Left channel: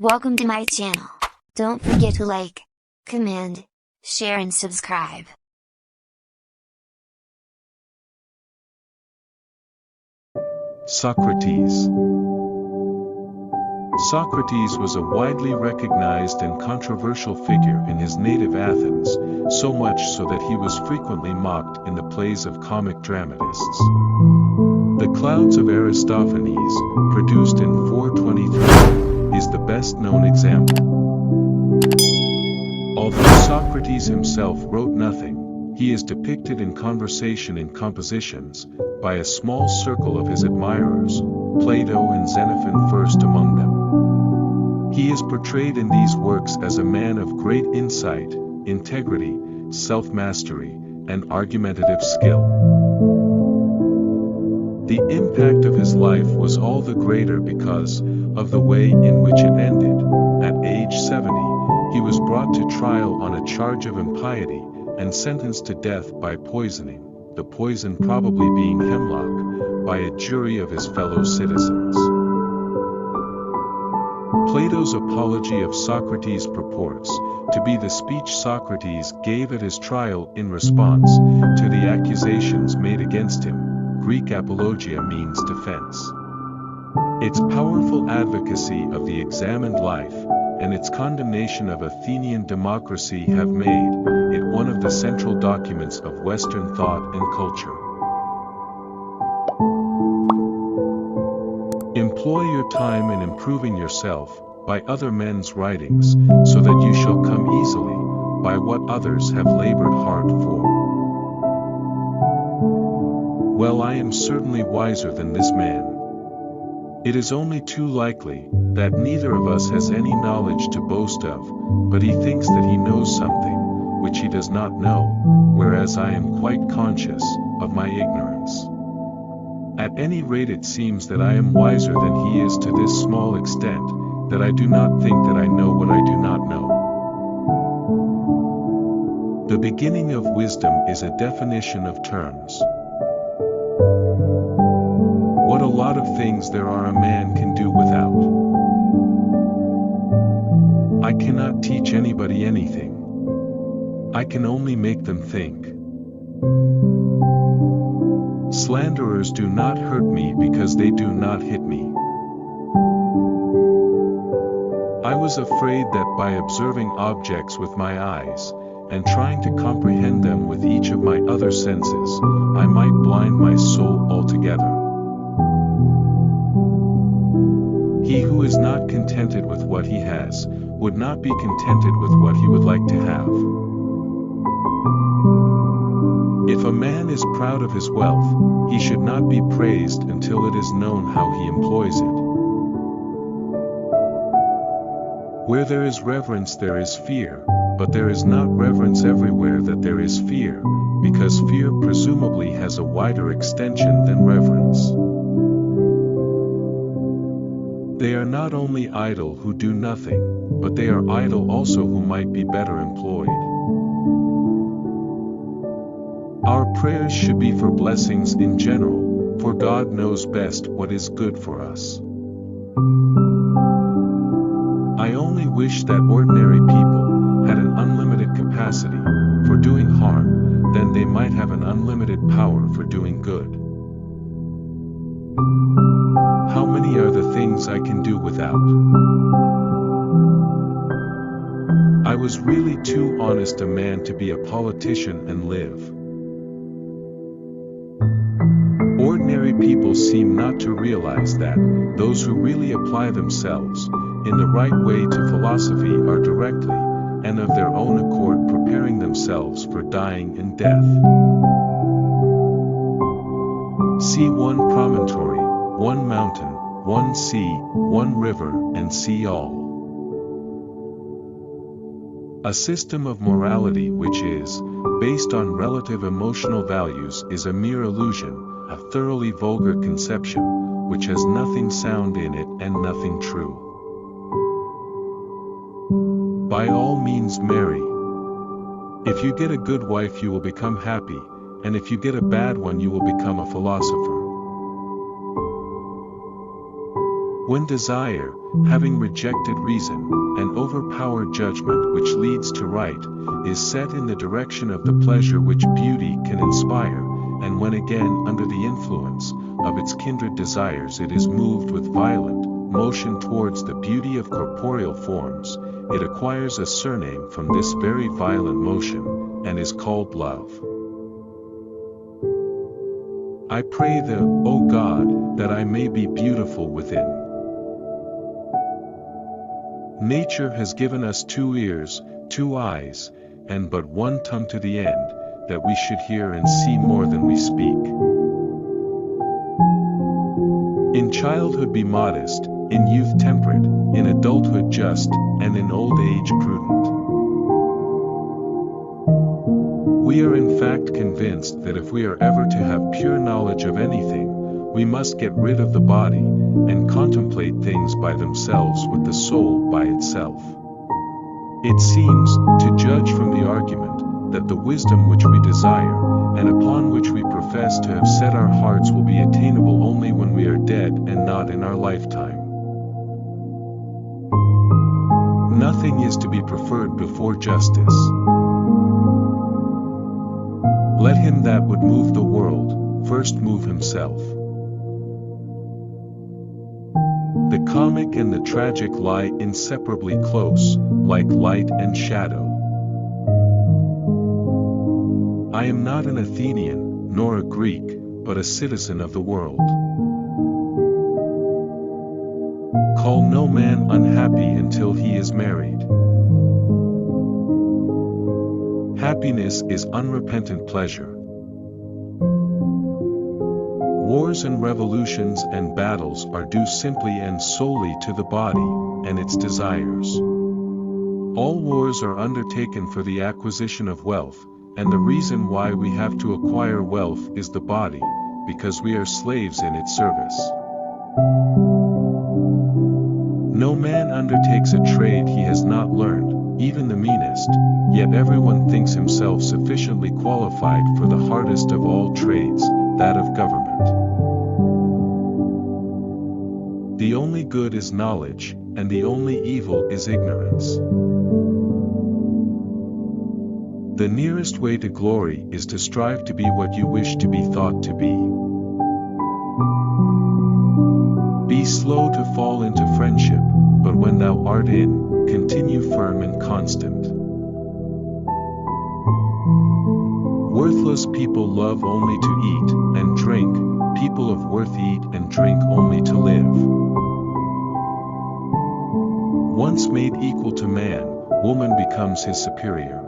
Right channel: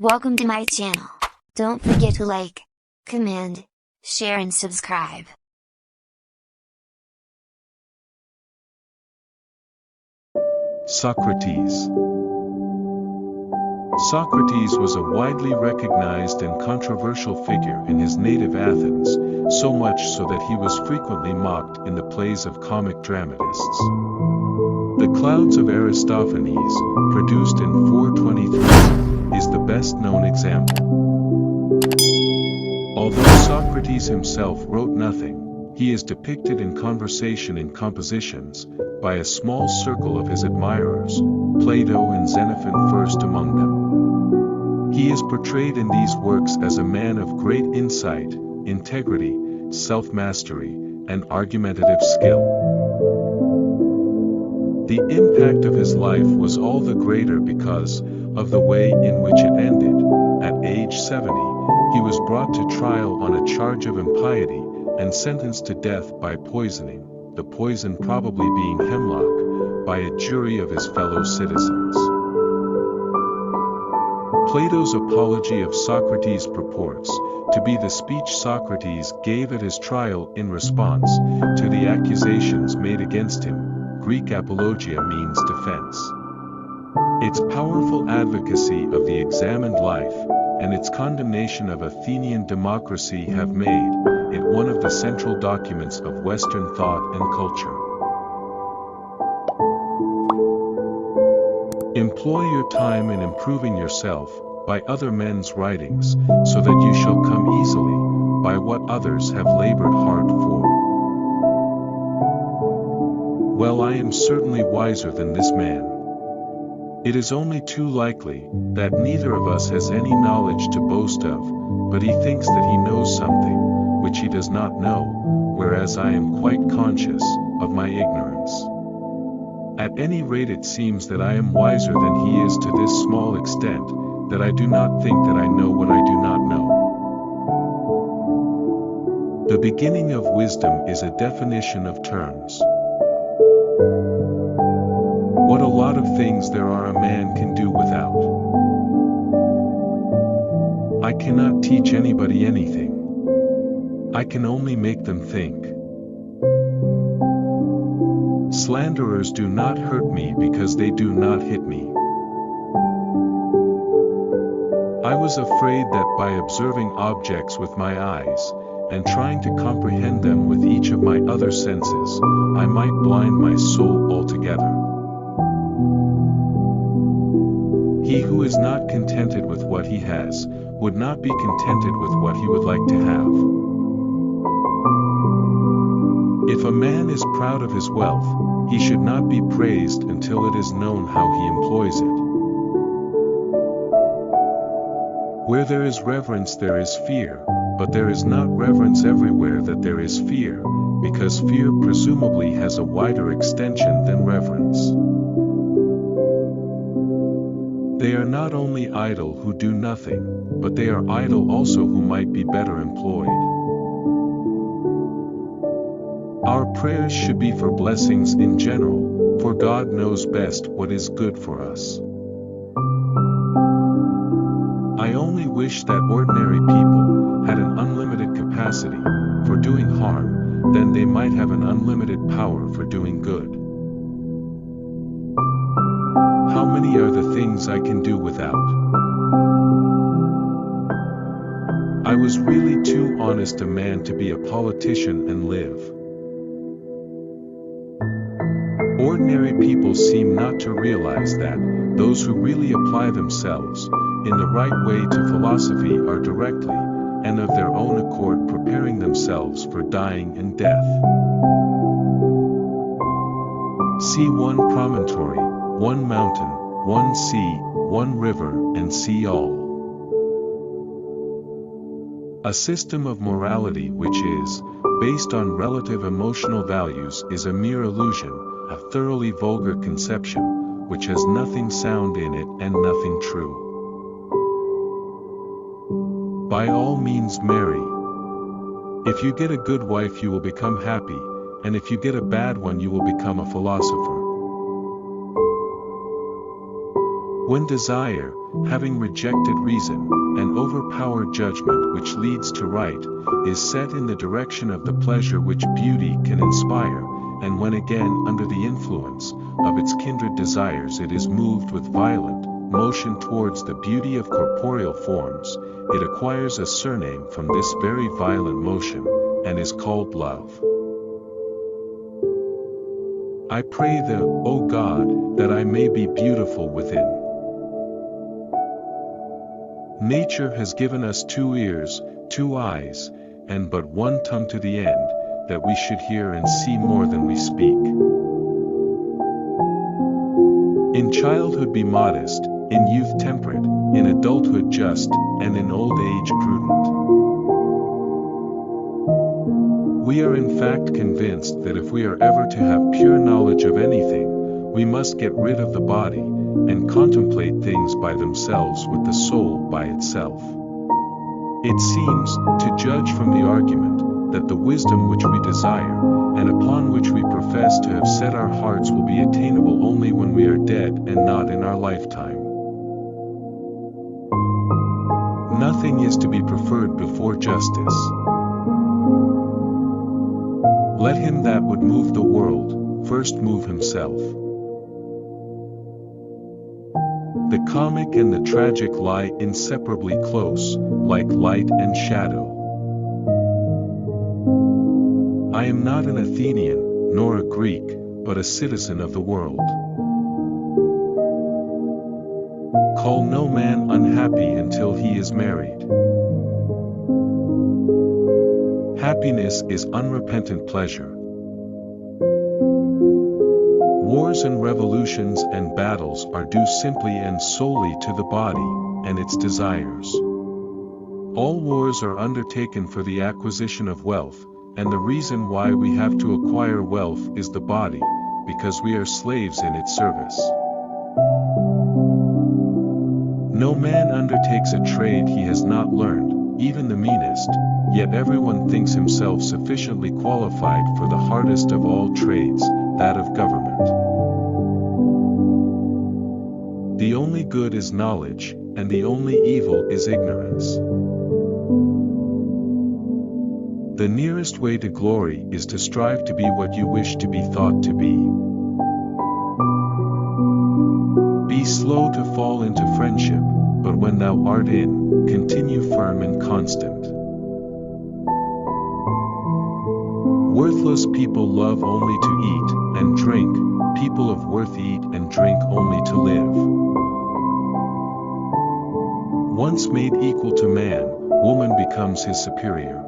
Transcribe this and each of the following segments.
Welcome to my channel. Don't forget to like, comment, share and subscribe. Socrates. Socrates was a widely recognized and controversial figure in his native Athens, so much so that he was frequently mocked in the plays of comic dramatists. The Clouds of Aristophanes, produced in 423, is the best-known example. Although Socrates himself wrote nothing, he is depicted in conversation in compositions, by a small circle of his admirers, Plato and Xenophon first among them. He is portrayed in these works as a man of great insight, integrity, self-mastery, and argumentative skill. The impact of his life was all the greater because of the way in which it ended. At age 70, he was brought to trial on a charge of impiety and sentenced to death by poisoning, the poison probably being hemlock, by a jury of his fellow citizens. Plato's Apology of Socrates purports to be the speech Socrates gave at his trial in response to the accusations made against him. Greek apologia means defense. Its powerful advocacy of the examined life, and its condemnation of Athenian democracy have made it one of the central documents of Western thought and culture. Employ your time in improving yourself by other men's writings, so that you shall come easily by what others have labored hard for. Well, I am certainly wiser than this man. It is only too likely that neither of us has any knowledge to boast of, but he thinks that he knows something which he does not know, whereas I am quite conscious of my ignorance. At any rate, it seems that I am wiser than he is to this small extent, that I do not think that I know what I do not know. The beginning of wisdom is a definition of terms. What a lot of things there are a man can do without. I cannot teach anybody anything. I can only make them think. Slanderers do not hurt me because they do not hit me. I was afraid that by observing objects with my eyes, and trying to comprehend them with each of my other senses, I might blind my soul altogether. He who is not contented with what he has, would not be contented with what he would like to have. If a man is proud of his wealth, he should not be praised until it is known how he employs it. Where there is reverence there is fear, but there is not reverence everywhere that there is fear, because fear presumably has a wider extension than reverence. They are not only idle who do nothing, but they are idle also who might be better employed. Our prayers should be for blessings in general, for God knows best what is good for us. I only wish that ordinary people had an unlimited capacity for doing harm, then they might have an unlimited power for doing good. How many are the things I can do without? I was really too honest a man to be a politician and live. Ordinary people seem not to realize that those who really apply themselves in the right way to philosophy are directly, and of their own accord, preparing themselves for dying and death. See one promontory, one mountain, one sea, one river, and see all. A system of morality which is based on relative emotional values is a mere illusion, a thoroughly vulgar conception, which has nothing sound in it and nothing true. By all means marry. If you get a good wife you will become happy, and if you get a bad one you will become a philosopher. When desire, having rejected reason, and overpowered judgment which leads to right, is set in the direction of the pleasure which beauty can inspire, and when again under the influence of its kindred desires it is moved with violent motion towards the beauty of corporeal forms, it acquires a surname from this very violent motion, and is called love. I pray thee, O God, that I may be beautiful within. Nature has given us 2 ears, 2 eyes, and but 1 tongue to the end, that we should hear and see more than we speak. In childhood be modest, in youth temperate, in adulthood just, and in old age prudent. We are in fact convinced that if we are ever to have pure knowledge of anything, we must get rid of the body, and contemplate things by themselves with the soul by itself. It seems, to judge from the argument, that the wisdom which we desire, and upon which we profess to have set our hearts will be attainable only when we are dead and not in our lifetime. Nothing is to be preferred before justice. Let him that would move the world, first move himself. The comic and the tragic lie inseparably close, like light and shadow. I am not an Athenian, nor a Greek, but a citizen of the world. Call no man unhappy until he is married. Happiness is unrepentant pleasure. Wars and revolutions and battles are due simply and solely to the body, and its desires. All wars are undertaken for the acquisition of wealth, and the reason why we have to acquire wealth is the body, because we are slaves in its service. No man undertakes a trade he has not learned, even the meanest, yet everyone thinks himself sufficiently qualified for the hardest of all trades, that of government. The only good is knowledge, and the only evil is ignorance. The nearest way to glory is to strive to be what you wish to be thought to be. Be slow to fall into friendship, but when thou art in, continue firm and constant. Worthless people love only to eat and drink, people of worth eat and drink only to live. Once made equal to man, woman becomes his superior.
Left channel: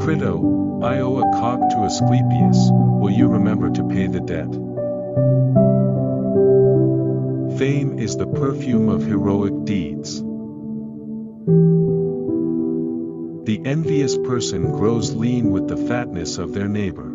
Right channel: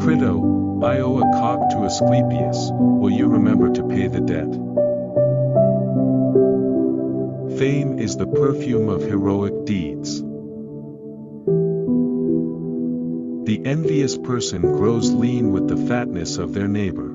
Crito, I owe a cock to Asclepius, will you remember to pay the debt? Fame is the perfume of heroic deeds. The envious person grows lean with the fatness of their neighbor.